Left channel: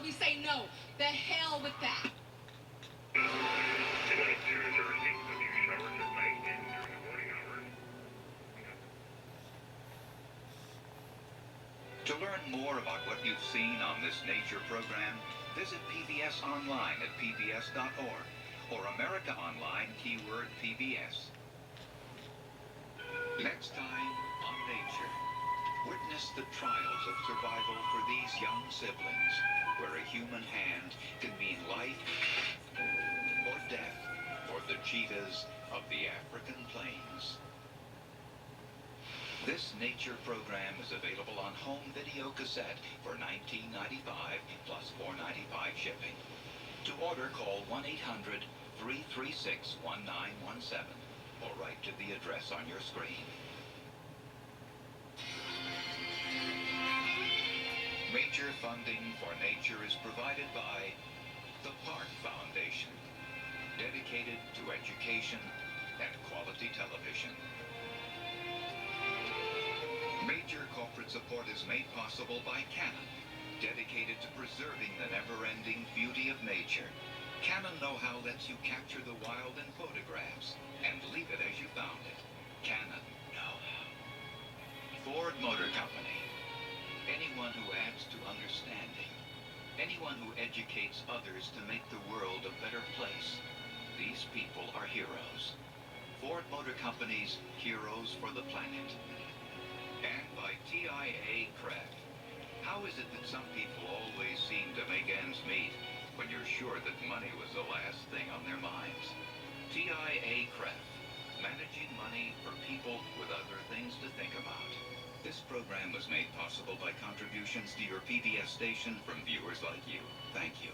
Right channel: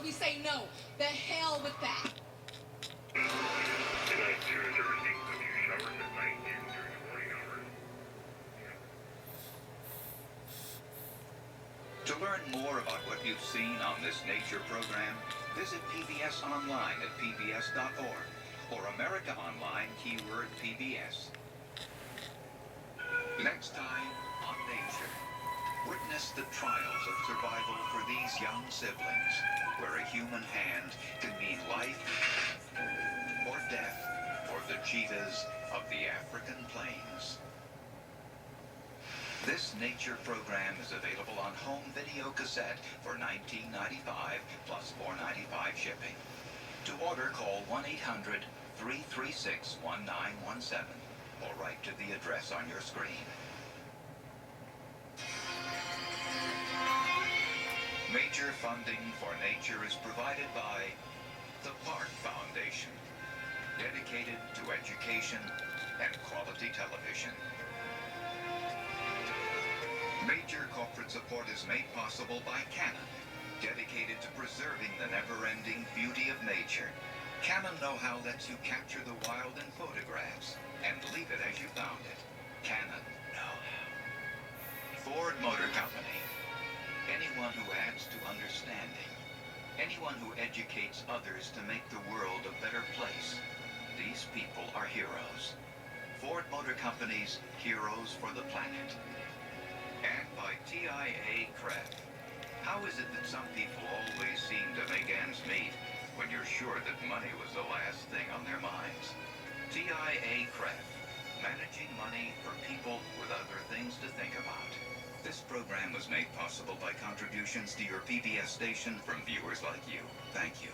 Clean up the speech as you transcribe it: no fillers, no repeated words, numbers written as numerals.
So we say no. The hell with that. To learn more about what you've seen on this nature program, visit PBS online at pbs.org or America Online keyword PBS. Next time on Nature, witness the trials of survival for these young siblings, where a human hand can mean life or death for the cheetahs of the African plains. This nature program is available on home video cassette for $19.95 plus $4.95 shipping. To order, call 1-800-336-1917 or write to the address on your screen. Major funding for nature is provided by the Park Foundation, dedicated to education and quality television. Major corporate support is made possible by Canon, dedicated to preserving the never-ending beauty of nature. Canon know-how lets you capture the wild in photographs and leave it as you found it. Canon know-how. Ford Motor Company. Anyone who adds to understanding. Anyone who educates others to make the world a better place. These people are heroes. Ford Motor Company's Heroes for the Planet. And by TIA Craft. How is it that some people always seem to make ends meet when you're sure that money was the last thing on their minds? TIA Craft. Managing money for people with other things to think about. This program was made possible by contributions to your PBS station from viewers like you. Thank you.